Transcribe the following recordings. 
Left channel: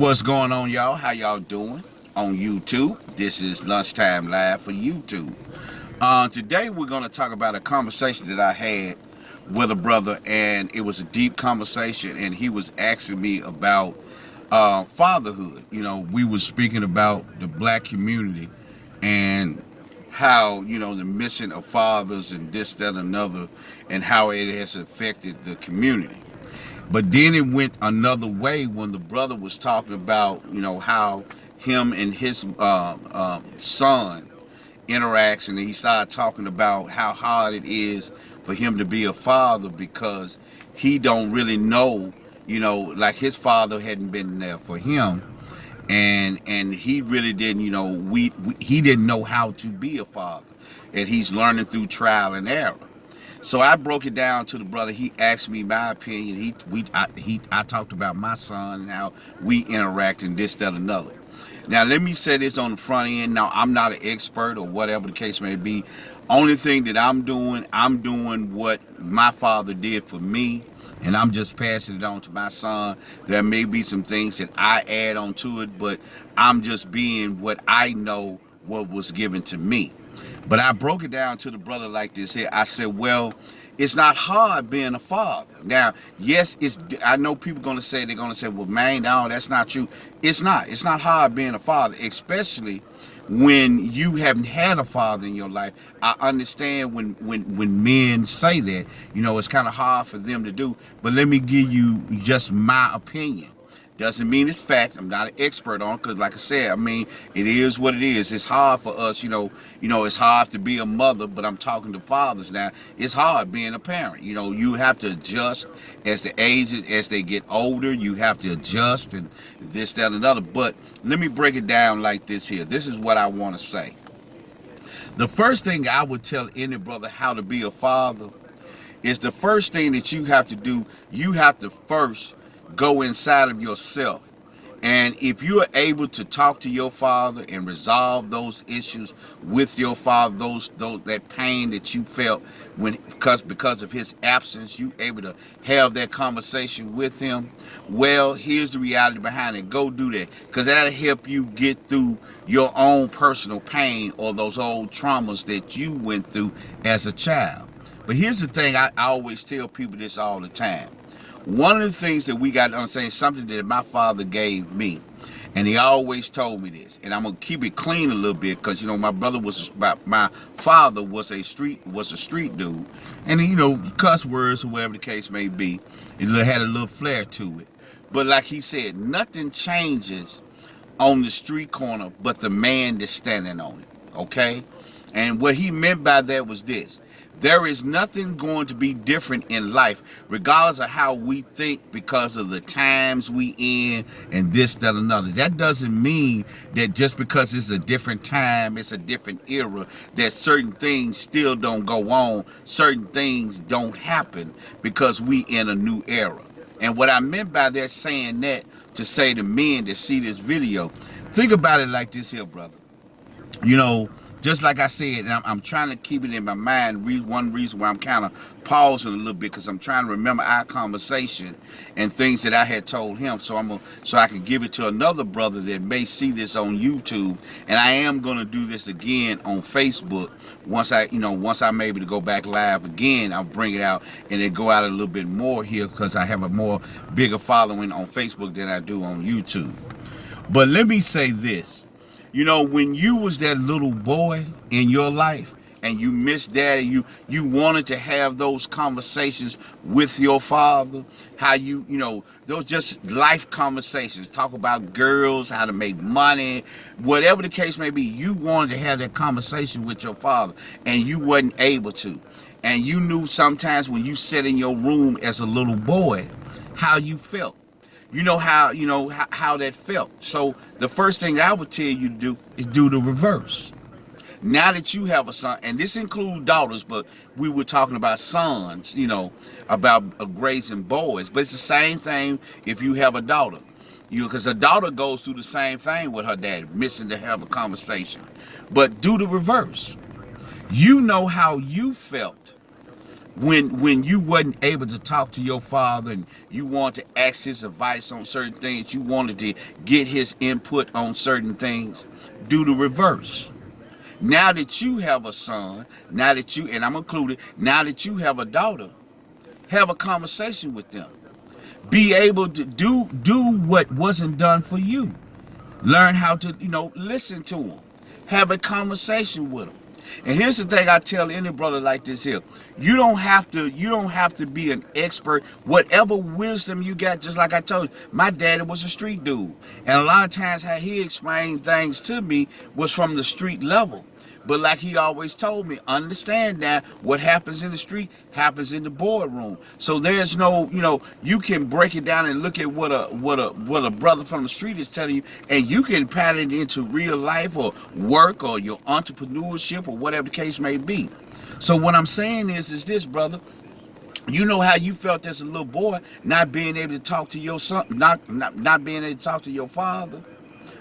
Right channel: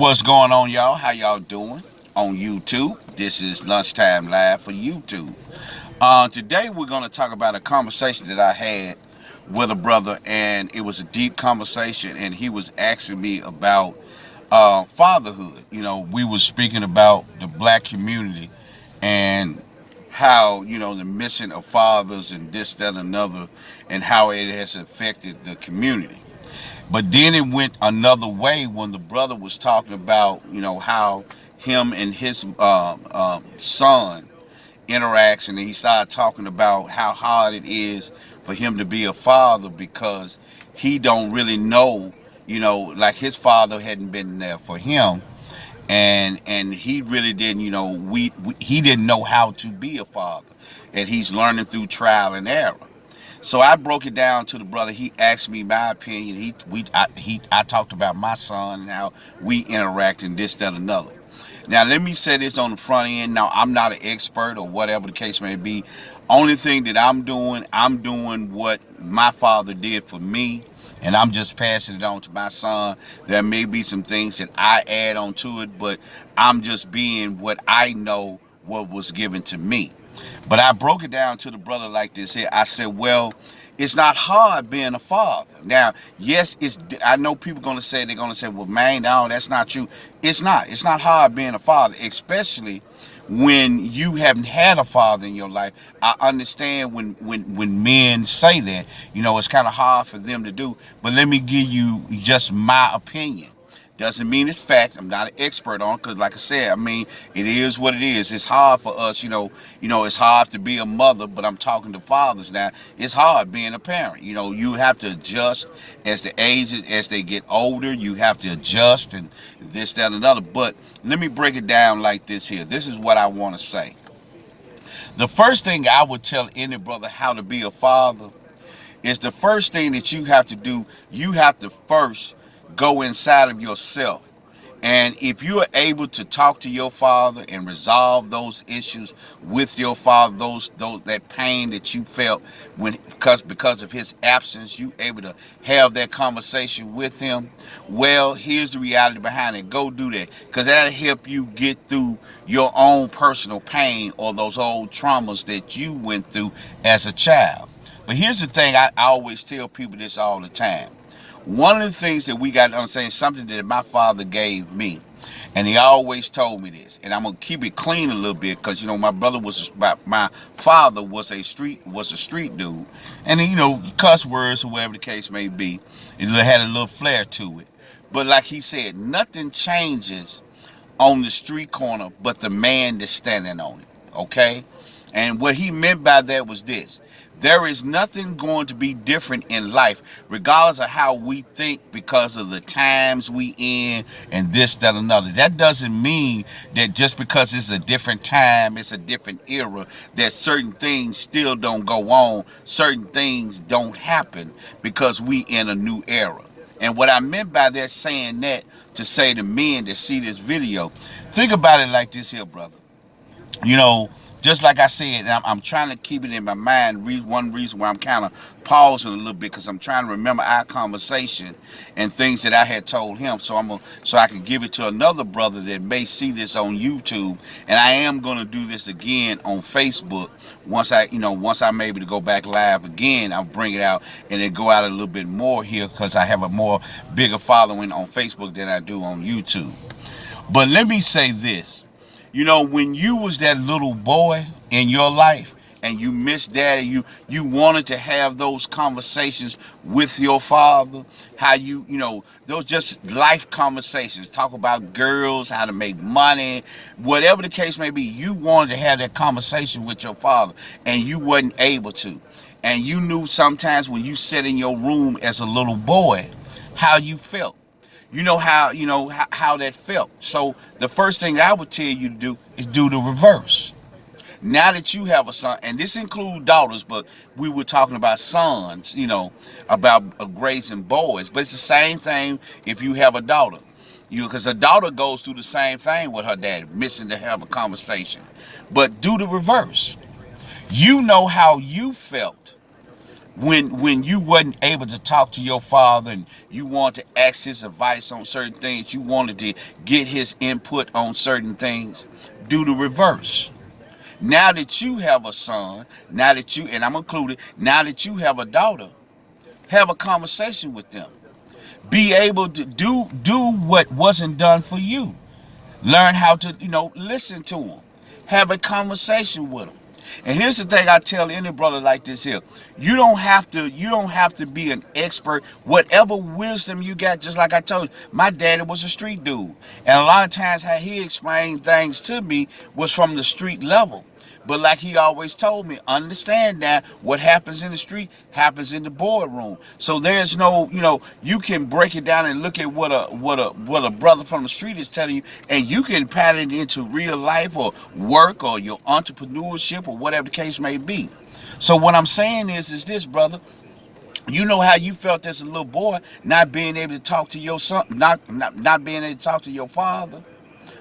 What's going on, y'all? How y'all doing on YouTube? This is Lunchtime Live for YouTube. Today we're going to talk about a conversation that I had with a brother, and it was a deep conversation, and he was asking me about fatherhood. We were speaking about the black community and how, the missing of fathers and this, that, and another, and how it has affected the community. But then it went another way when the brother was talking about, how him and his son interacts, and he started talking about how hard it is for him to be a father because he don't really know, like his father hadn't been there for him, and he really didn't, he didn't know how to be a father, and he's learning through trial and error. So I broke it down to the brother. He asked me my opinion. I talked about my son and how we interact and this, that, another. Now let me say this on the front end. Now I'm not an expert or whatever the case may be. Only thing that I'm doing what my father did for me, and I'm just passing it on to my son. There may be some things that I add on to it, but I'm just being what I know what was given to me. But I broke it down to the brother like this here. I said, well, it's not hard being a father. Now, yes, I know people they're gonna say, well, man, no, that's not true. It's not. It's not hard being a father, especially when you haven't had a father in your life. I understand when men say that, it's kind of hard for them to do. But let me give you just my opinion. Doesn't mean it's fact. I'm not an expert on it because, like I said, it is what it is. It's hard for us, it's hard to be a mother, but I'm talking to fathers now. It's hard being a parent. You have to adjust as the ages, as they get older. You have to adjust and this, that, and another. But let me break it down like this here. This is what I want to say. The first thing I would tell any brother how to be a father is the first thing that you have to do. You have to first go inside of yourself. And if you are able to talk to your father and resolve those issues with your father, those that pain that you felt because of his absence, you able to have that conversation with him. Well, here's the reality behind it. Go do that, because that'll help you get through your own personal pain or those old traumas that you went through as a child. But here's the thing, I always tell people this all the time. One of the things that we got to understand, something that my father gave me, and he always told me this, and I'm gonna keep it clean a little bit because my father was a street dude, and cuss words or whatever the case may be, it had a little flair to it. But like he said, nothing changes on the street corner but the man that's standing on it. Okay, and what he meant by that was this. There is nothing going to be different in life, regardless of how we think, because of the times we in and this, that, another. That doesn't mean that just because it's a different time, it's a different era, that certain things still don't go on, certain things don't happen because we in a new era. And what I meant by that, saying that, to say to men that see this video, think about it like this here, brother. Just like I said, I'm trying to keep it in my mind. One reason why I'm kind of pausing a little bit, because I'm trying to remember our conversation and things that I had told him, so I can give it to another brother that may see this on YouTube. And I am going to do this again on Facebook once I'm able to go back live again. I'll bring it out and then go out a little bit more here, because I have a more bigger following on Facebook than I do on YouTube. But let me say this. When you was that little boy in your life and you missed daddy, you wanted to have those conversations with your father, how those just life conversations, talk about girls, how to make money, whatever the case may be, you wanted to have that conversation with your father and you wasn't able to. And you knew sometimes when you sat in your room as a little boy, how you felt. How that felt. So the first thing I would tell you to do is do the reverse. Now that you have a son, and this includes daughters, but we were talking about sons, about raising boys. But it's the same thing if you have a daughter. Because a daughter goes through the same thing with her dad, missing to have a conversation. But do the reverse. You know how you felt When you wasn't able to talk to your father and you wanted to ask his advice on certain things, you wanted to get his input on certain things, do the reverse. Now that you have a son, now that you, and I'm included, now that you have a daughter, have a conversation with them. Be able to do what wasn't done for you. Learn how to, listen to them. Have a conversation with them. And here's the thing I tell any brother like this here. You don't have to be an expert. Whatever wisdom you got, just like I told you, my daddy was a street dude. And a lot of times how he explained things to me was from the street level. But like he always told me, understand that what happens in the street happens in the boardroom. So there's no, you can break it down and look at what a brother from the street is telling you, and you can pat it into real life or work or your entrepreneurship or whatever the case may be. So what I'm saying is this, brother. You know how you felt as a little boy, not being able to talk to your son, not being able to talk to your father.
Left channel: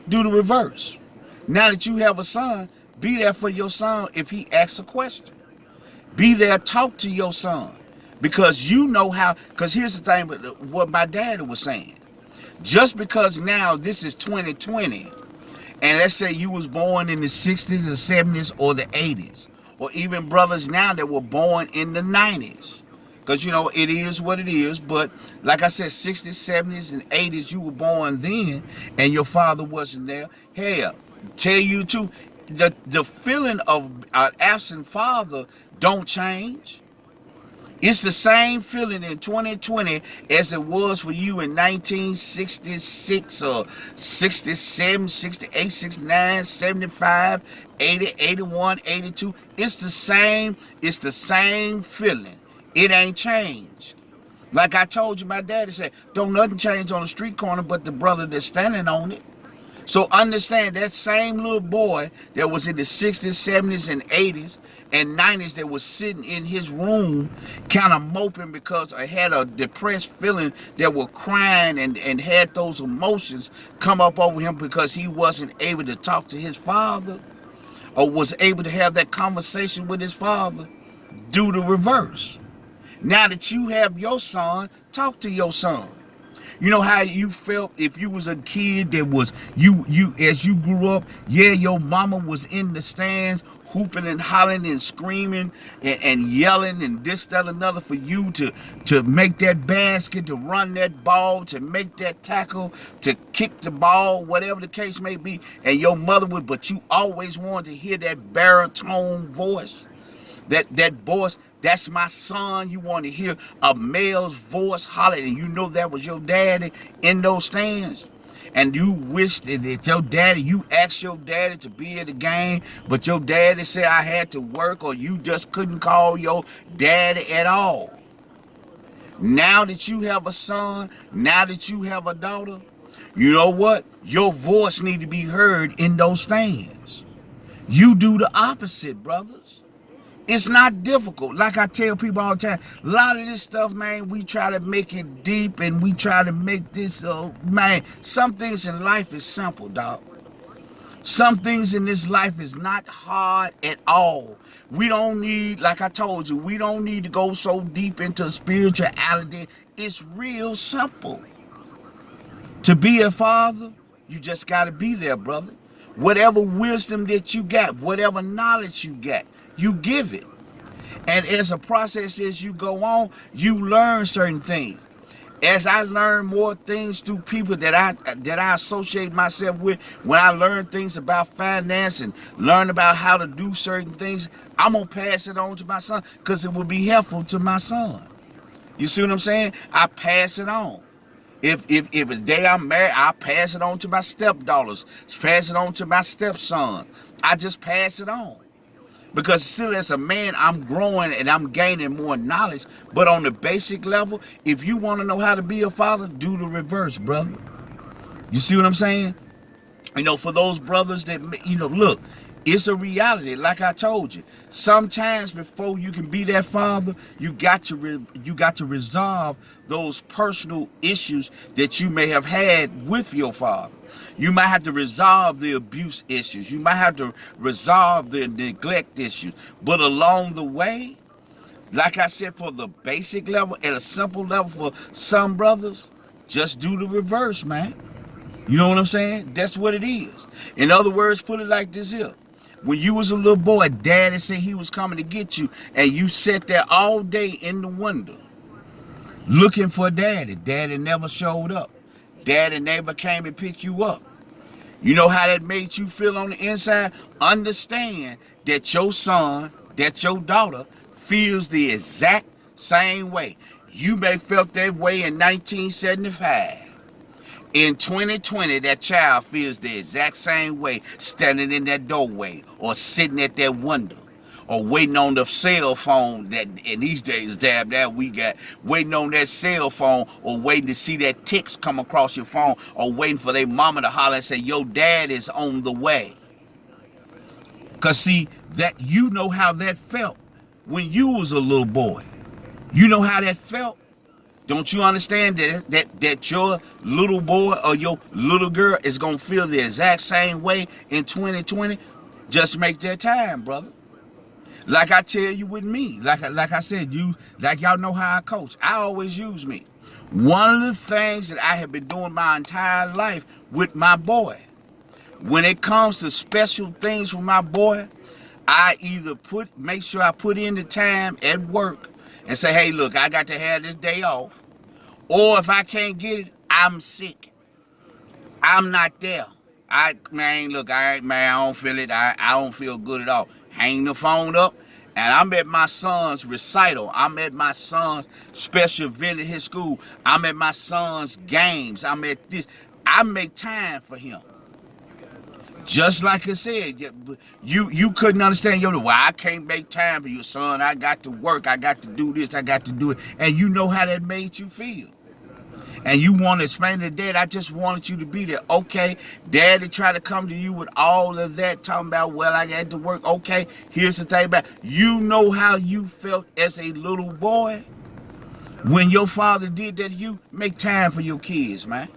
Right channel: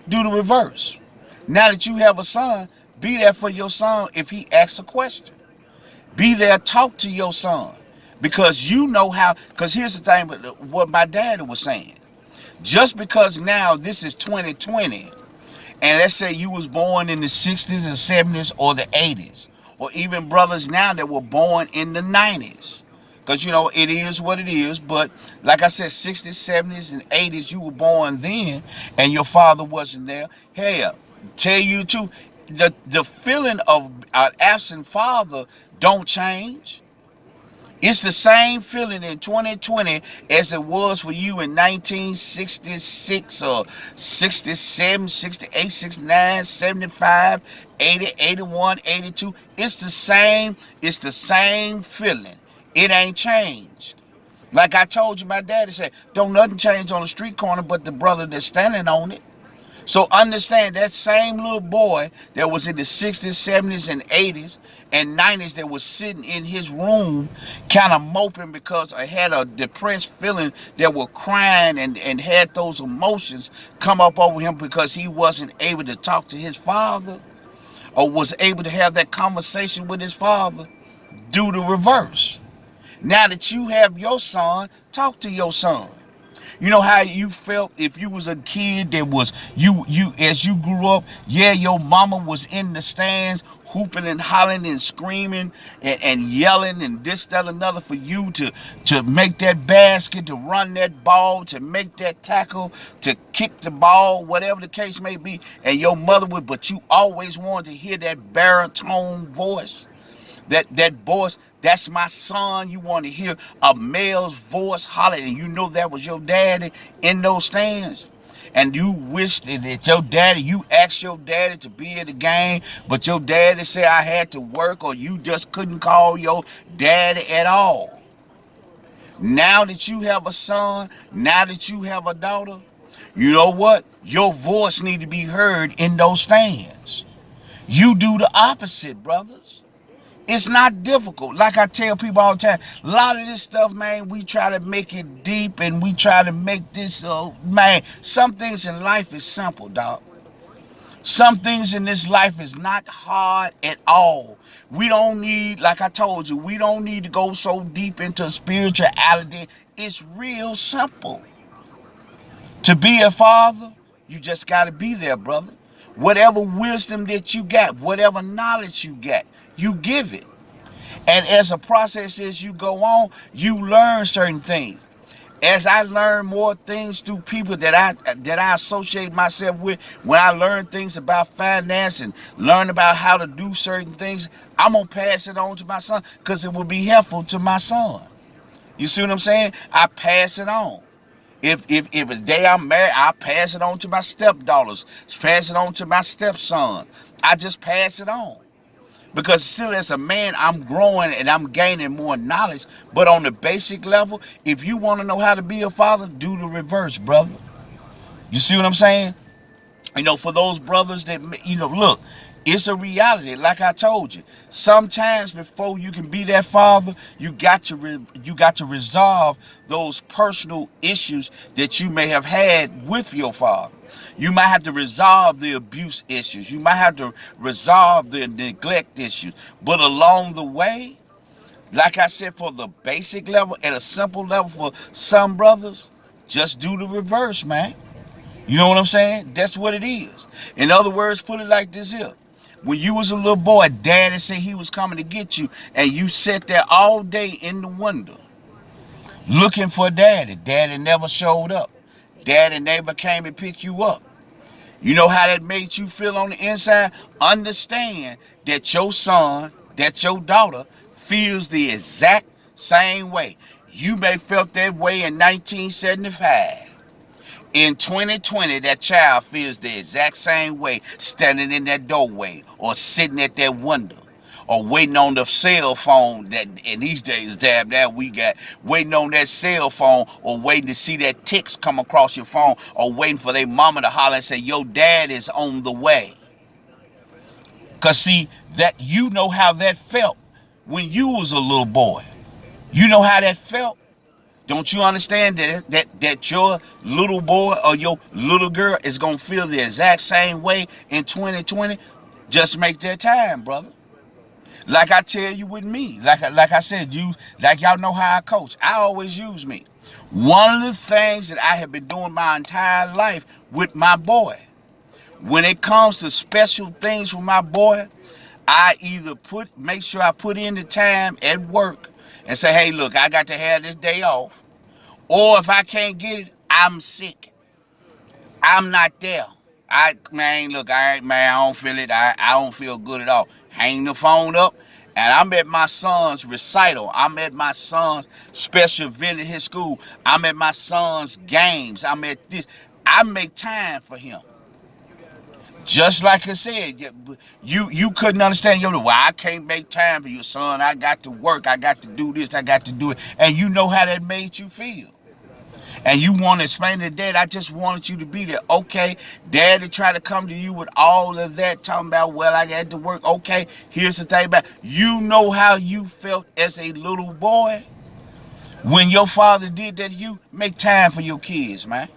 Do the reverse. Now that you have a son, be there for your son if he asks a question. Be there, talk to your son. Because you know how, because here's the thing, what my daddy was saying. Just because now this is 2020, and let's say you was born in the 60s or 70s or the 80s, or even brothers now that were born in the 90s. Because, it is what it is. But like I said, 60s, 70s, and 80s, you were born then, and your father wasn't there. Hell, tell you the truth, the feeling of an absent father don't change. It's the same feeling in 2020 as it was for you in 1966 or 67, 68, 69, 75, 80, 81, 82. It's the same feeling. It ain't changed. Like I told you, my daddy said, don't nothing change on the street corner but the brother that's standing on it. So understand that same little boy that was in the 60s, 70s, and 80s and 90s that was sitting in his room kind of moping because I had a depressed feeling, that were crying and had those emotions come up over him because he wasn't able to talk to his father or was able to have that conversation with his father. Do the reverse. Now that you have your son, talk to your son. You know how you felt if you was a kid that was, you as you grew up, yeah, your mama was in the stands hooping and hollering and screaming and yelling and this, that, another for you to make that basket, to run that ball, to make that tackle, to kick the ball, whatever the case may be. And your mother would, but you always wanted to hear that baritone voice. That voice, that's my son. You want to hear a male's voice hollering, and you know that was your daddy in those stands. And you wished that your daddy, you asked your daddy to be at the game, but your daddy said I had to work, or you just couldn't call your daddy at all. Now that you have a son, now that you have a daughter, you know what? Your voice need to be heard in those stands. You do the opposite, brothers. It's not difficult. Like I tell people all the time, a lot of this stuff, man, we try to make it deep and we try to make this, man, some things in life is simple, dog. Some things in this life is not hard at all. We don't need, like I told you, we don't need to go so deep into spirituality. It's real simple. To be a father, you just got to be there, brother. Whatever wisdom that you got, whatever knowledge you got, you give it. And as a process, as you go on, you learn certain things. As I learn more things through people that I associate myself with, when I learn things about finance and learn about how to do certain things, I'm going to pass it on to my son because it will be helpful to my son. You see what I'm saying? I pass it on. If a day I'm married, I pass it on to my stepdaughters, pass it on to my stepson. I just pass it on. Because still as a man, I'm growing and I'm gaining more knowledge. But on the basic level, if you want to know how to be a father, do the reverse, brother. You see what I'm saying? For those brothers that, look, it's a reality. Like I told you, sometimes before you can be that father, you got to resolve those personal issues that you may have had with your father. You might have to resolve the abuse issues. You might have to resolve the neglect issues. But along the way, Like I said, for the basic level, at a simple level for some brothers, just do the reverse, man. You know what I'm saying? That's what it is. In other words, put it like this here. When you was a little boy, daddy said he was coming to get you, and you sat there all day in the window looking for daddy. Daddy never showed up. Daddy never came and picked you up. You know how that made you feel on the inside? Understand that your son, that your daughter feels the exact same way. You may felt that way in 1975. In 2020, that child feels the exact same way standing in that doorway or sitting at that window or waiting on the cell phone that in these days, damn, that we got waiting on that cell phone or waiting to see that text come across your phone or waiting for their mama to holler and say, your dad is on the way. Because see, that you know how that felt when you was a little boy. You know how that felt. Don't you understand that your little boy or your little girl is going to feel the exact same way in 2020? Just make that time, brother. Like I tell you with me, like I said, like y'all know how I coach. I always use me. One of the things that I have been doing my entire life with my boy, when it comes to special things for my boy, I either make sure I put in the time at work and say, hey, look, I got to have this day off. Or if I can't get it, I'm sick. I'm not there. I don't feel it. I don't feel good at all. Hang the phone up, and I'm at my son's recital. I'm at my son's special event at his school. I'm at my son's games. I'm at this. I make time for him. Just like I said, you couldn't understand, why I can't make time for your son. I got to work. I got to do this. I got to do it. And you know how that made you feel. And you want to explain to dad, I just wanted you to be there. Okay, daddy tried to come to you with all of that, talking about, well, I had to work. Okay, here's the thing about, you know how you felt as a little boy when your father did that to you. Make time for your kids, man.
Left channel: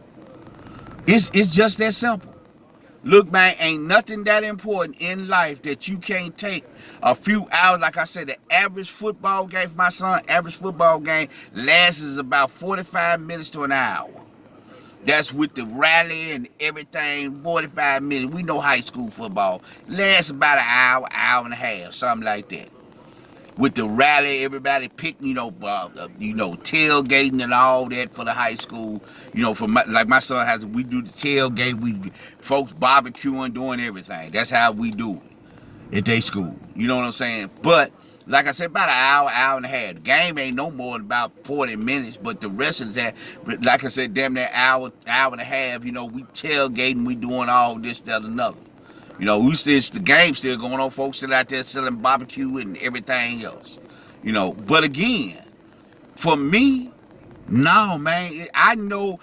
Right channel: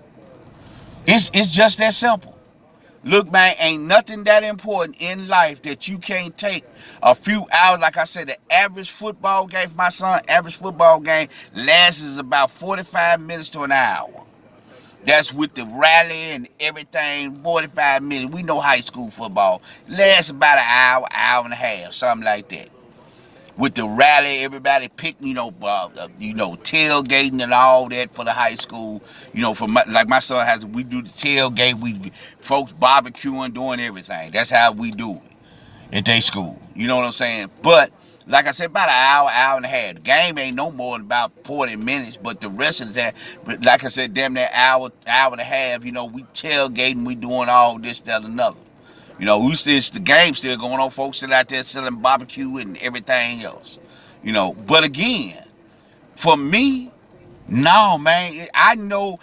It's just that simple. Look, man, ain't nothing that important in life that you can't take a few hours. Like I said, the average football game for my son, average football game lasts about 45 minutes to an hour. That's with the rally and everything, 45 minutes. We know high school football lasts about an hour, hour and a half, something like that. With the rally, everybody picking, tailgating and all that for the high school. For my son has, we do the tailgate. We folks barbecuing, doing everything. That's how we do it at their school. You know what I'm saying? But like I said, about an hour, hour and a half. The game ain't no more than about 40 minutes. But the rest of that, like I said, damn near hour, hour and a half. We tailgating, we doing all this, that, another. The game still going on. Folks still out there selling barbecue and everything else. But again, for me, no, man. I know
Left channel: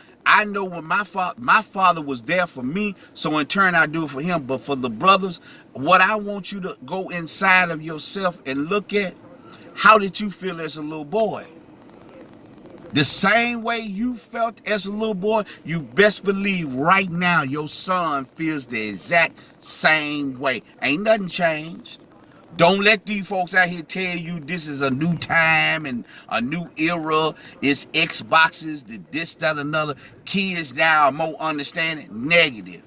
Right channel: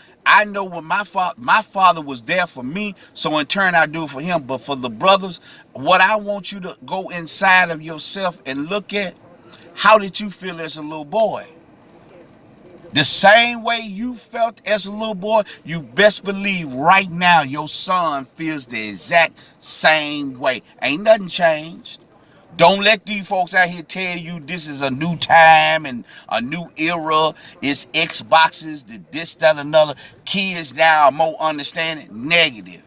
when my father was there for me, so in turn I do it for him. But for the brothers, what I want you to go inside of yourself and look at, how did you feel as a little boy? The same way you felt as a little boy, you best believe right now your son feels the exact same way. Ain't nothing changed. Don't let these folks out here tell you this is a new time and a new era. It's Xboxes, this, that, another. Kids now are more understanding. Negative.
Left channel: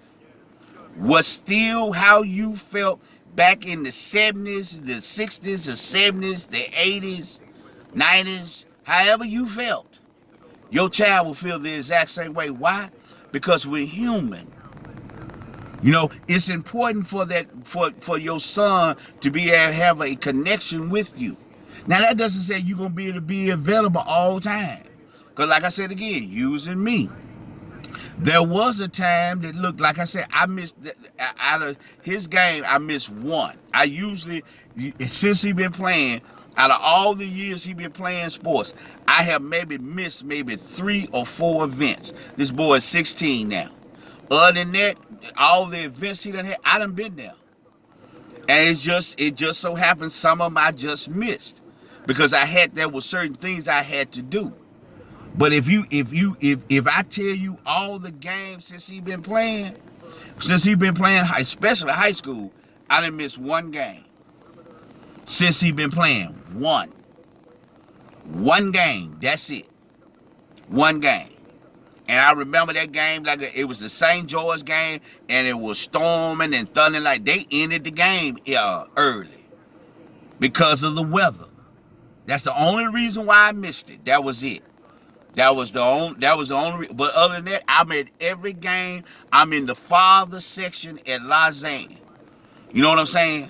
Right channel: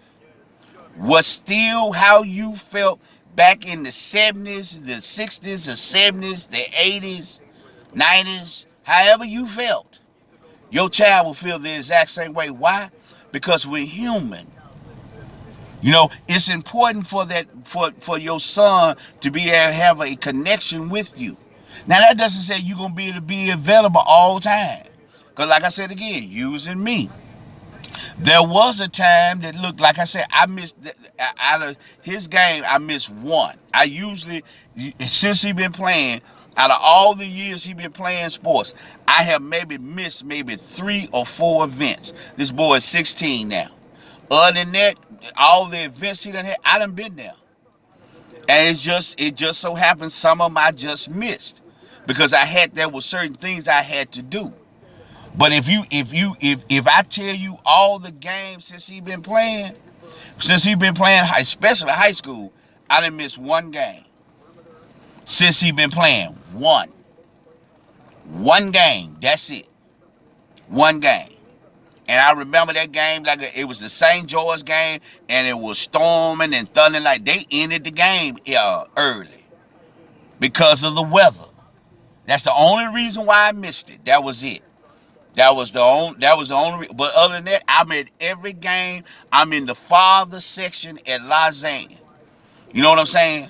Was still how you felt back in the 70s, the 60s, the 70s, the 80s, 90s, however you felt. Your child will feel the exact same way. Why? Because we're human. It's important for your son to be able to have a connection with you. Now, that doesn't say you're going to be able to be available all the time. Because like I said again, using me. There was a time that, look, like I said, I missed, out of his game, I missed one. I usually, since he been playing, out of all the years he been playing sports, I have missed 3 or 4 events. This boy is 16 now. Other than that, all the events he done had, I done been there. And it just so happened some of them I just missed. Because there were certain things I had to do. But if I tell you all the games since he been playing, especially high school, I done missed one game. Since he been playing, one. One game, that's it. One game. And I remember that game like it was the St. George game, and it was storming and thundering. Like they ended the game early because of the weather. That's the only reason why I missed it. That was it. That was the only. But other than that, I'm at every game. I'm in the father section at Lausanne. You know what I'm saying?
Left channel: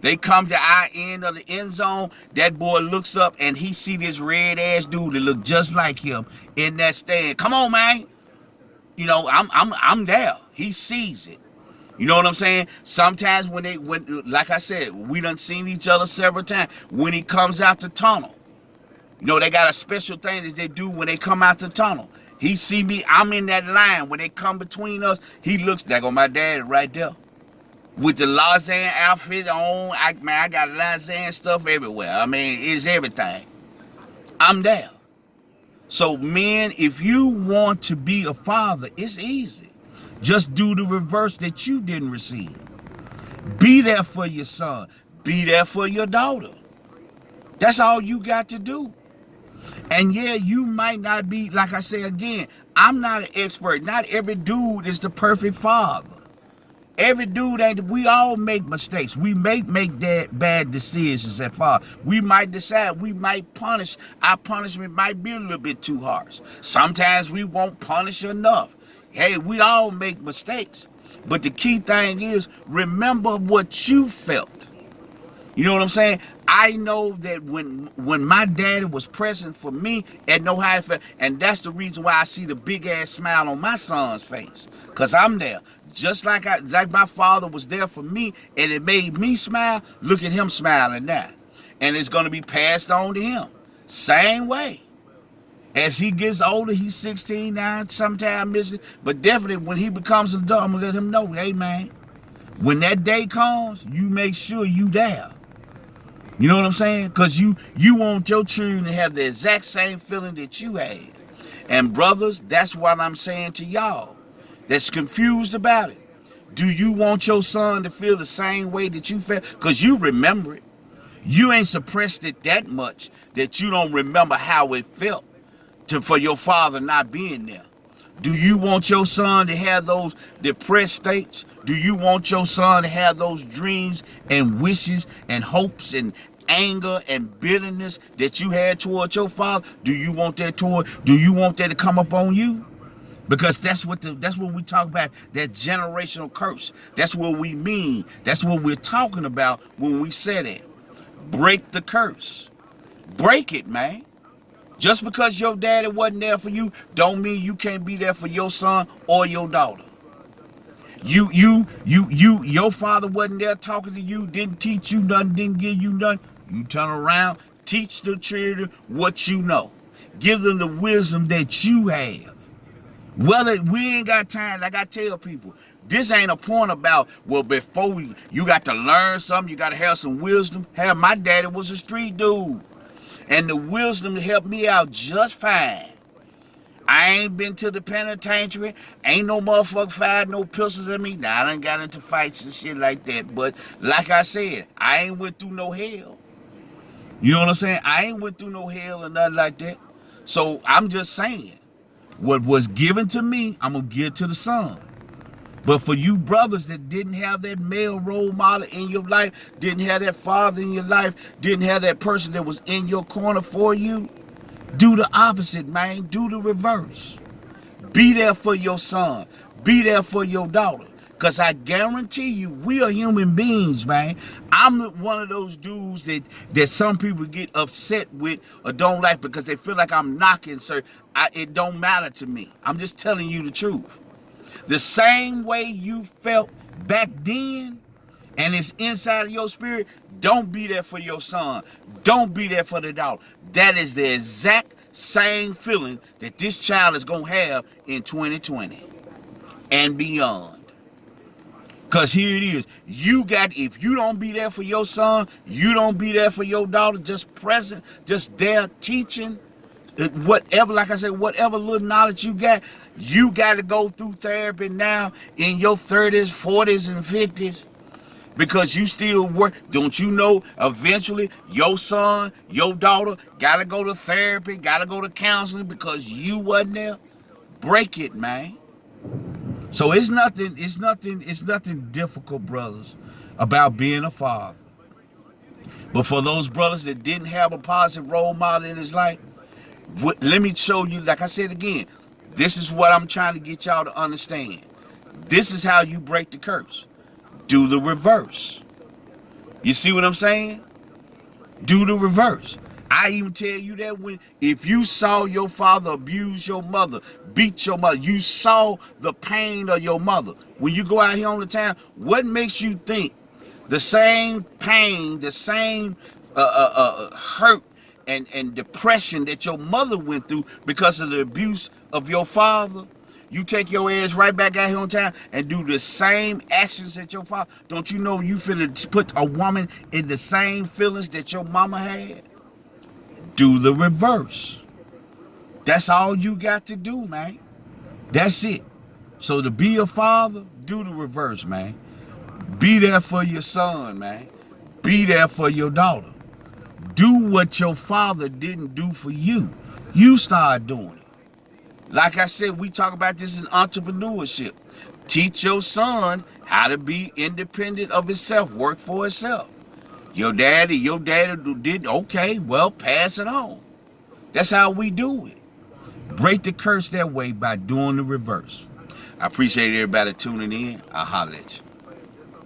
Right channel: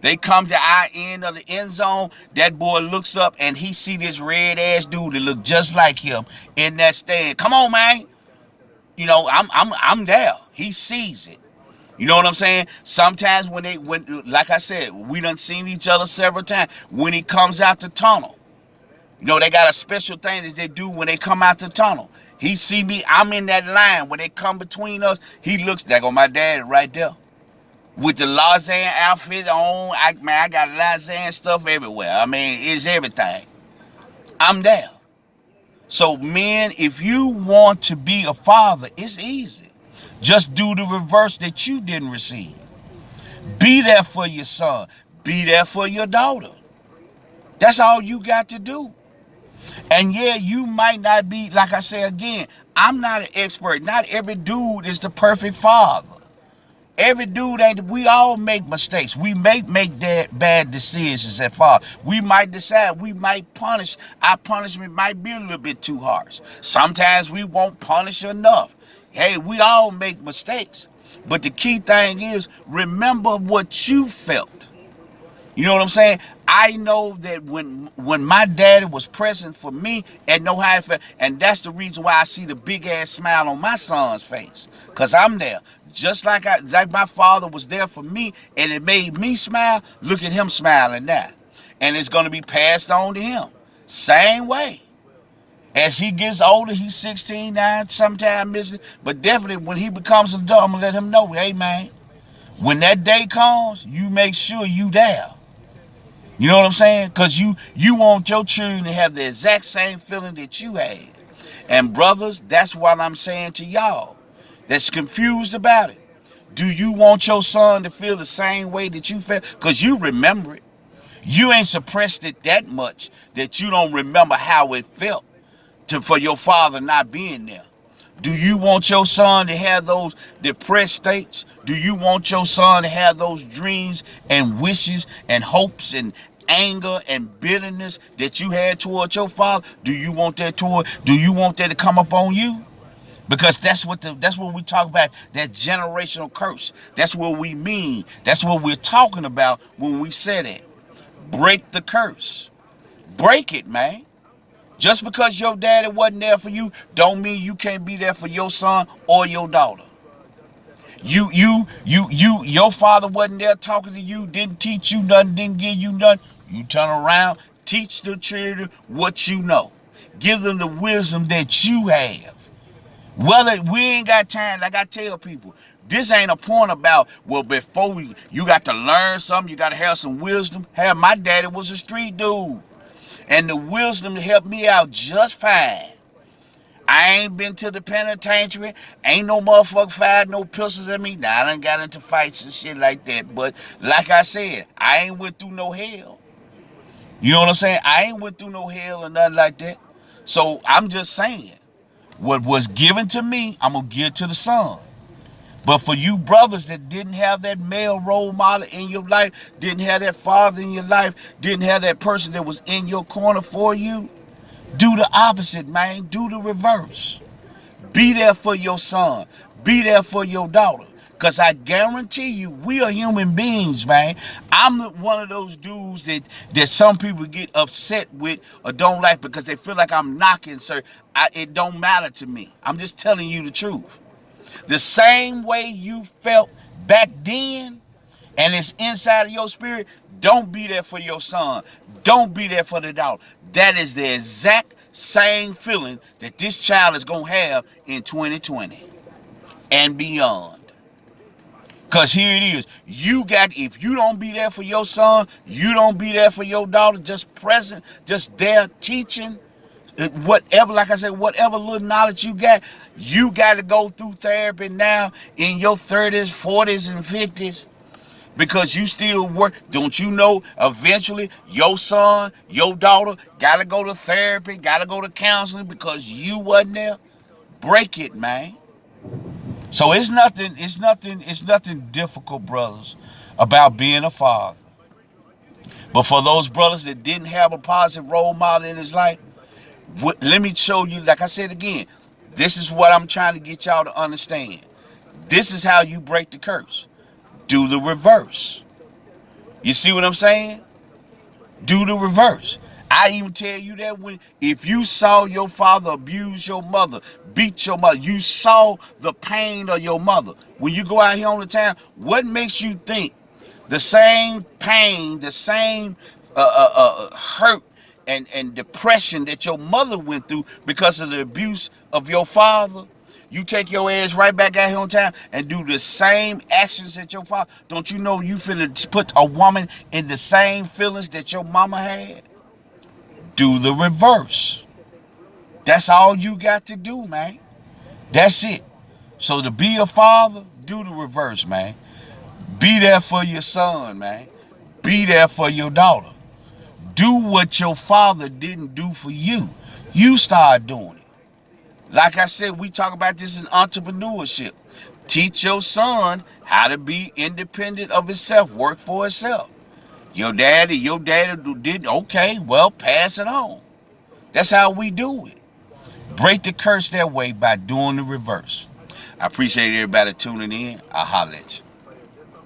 They come to our end of the end zone. That boy looks up and he see this red ass dude that look just like him in that stand. Come on, man. You know, I'm there. He sees it. You know what I'm saying? Sometimes when like I said, we done seen each other several times. When he comes out the tunnel, you know, they got a special thing that they do when they come out the tunnel. He see me, I'm in that line. When they come between us, he looks, there go my dad right there. With the Lausanne outfit on, I got Lausanne stuff everywhere. I mean, it's everything. I'm there. So men, if you want to be a father, it's easy. Just do the reverse that you didn't receive. Be there for your son. Be there for your daughter. That's all you got to do. And yeah, you might not be, like I say again, I'm not an expert. Not every dude is the perfect father. Every dude we all make mistakes. We may make bad decisions at father. We might decide, we might punish. Our punishment might be a little bit too harsh. Sometimes we won't punish enough. Hey, we all make mistakes. But the key thing is, remember what you felt. You know what I'm saying? I know that when my daddy was present for me and know how it felt, and that's the reason why I see the big ass smile on my son's face, cause I'm there. Just like my father was there for me, and it made me smile. Look at him smiling now, and it's gonna be passed on to him. Same way. As he gets older, he's 16 now, sometime missing, but definitely when he becomes an adult, I'm gonna let him know, hey man, when that day comes, you make sure you there. You know what I'm saying? Because you want your children to have the exact same feeling that you had. And brothers, that's what I'm saying to y'all that's confused about it. Do you want your son to feel the same way that you felt? Because you remember it. You ain't suppressed it that much that you don't remember how it felt for your father not being there. Do you want your son to have those depressed states? Do you want your son to have those dreams and wishes and hopes and anger and bitterness that you had towards your father? Do you want that to come up on you? Because that's what we talk about, that generational curse. That's what we mean. That's what we're talking about when we say that. Break the curse. Break it, man. Just because your daddy wasn't there for you, don't mean you can't be there for your son or your daughter. Your father wasn't there talking to you, didn't teach you nothing, didn't give you nothing. You turn around, teach the children what you know. Give them the wisdom that you have. Well, we ain't got time, like I tell people, this ain't a point about, well, before you got to learn something, you got to have some wisdom. Hell, my daddy was a street dude. And the wisdom helped me out just fine. I ain't been to the penitentiary. Ain't no motherfucker fired no pistols at me. Now, I done got into fights and shit like that. But like I said, I ain't went through no hell. You know what I'm saying? I ain't went through no hell or nothing like that. So I'm just saying, what was given to me, I'm going to give to the son. But for you brothers that didn't have that male role model in your life, didn't have that father in your life, didn't have that person that was in your corner for you, do the opposite, man. Do the reverse. Be there for your son. Be there for your daughter. Because I guarantee you, we are human beings, man. I'm one of those dudes that some people get upset with or don't like because they feel like I'm knocking, sir. It don't matter to me. I'm just telling you the truth. The same way you felt back then, and it's inside of your spirit, don't be there for your son. Don't be there for the daughter. That is the exact same feeling that this child is going to have in 2020 and beyond. Because here it is. If you don't be there for your son, you don't be there for your daughter, just present, just there teaching, whatever, like I said, whatever little knowledge you got to go through therapy now in your 30s, 40s, and 50s. because you still work. Don't you know eventually your son, your daughter gotta go to therapy, gotta go to counseling because you wasn't there? Break it, man. So it's nothing difficult, brothers, about being a father. But for those brothers that didn't have a positive role model in his life, let me show you, like I said again, this is what I'm trying to get y'all to understand. This is how you break the curse. Do the reverse. You see what I'm saying? Do the reverse. I even tell you that if you saw your father abuse your mother, beat your mother, you saw the pain of your mother. When you go out here on the town, what makes you think the same pain, the same hurt and depression that your mother went through because of the abuse of your father, you take your ass right back out here on town and do the same actions that your father? Don't you know you finna put a woman in the same feelings that your mama had? Do the reverse. That's all you got to do, man. That's it. So to be a father, do the reverse, man. Be there for your son, man. Be there for your daughter. Do what your father didn't do for you. You start doing it. Like I said, we talk about this in entrepreneurship. Teach your son how to be independent of himself, work for himself. Your daddy didn't, okay, well, pass it on. That's how we do it. Break the curse that way by doing the reverse. I appreciate everybody tuning in. I'll holler at you.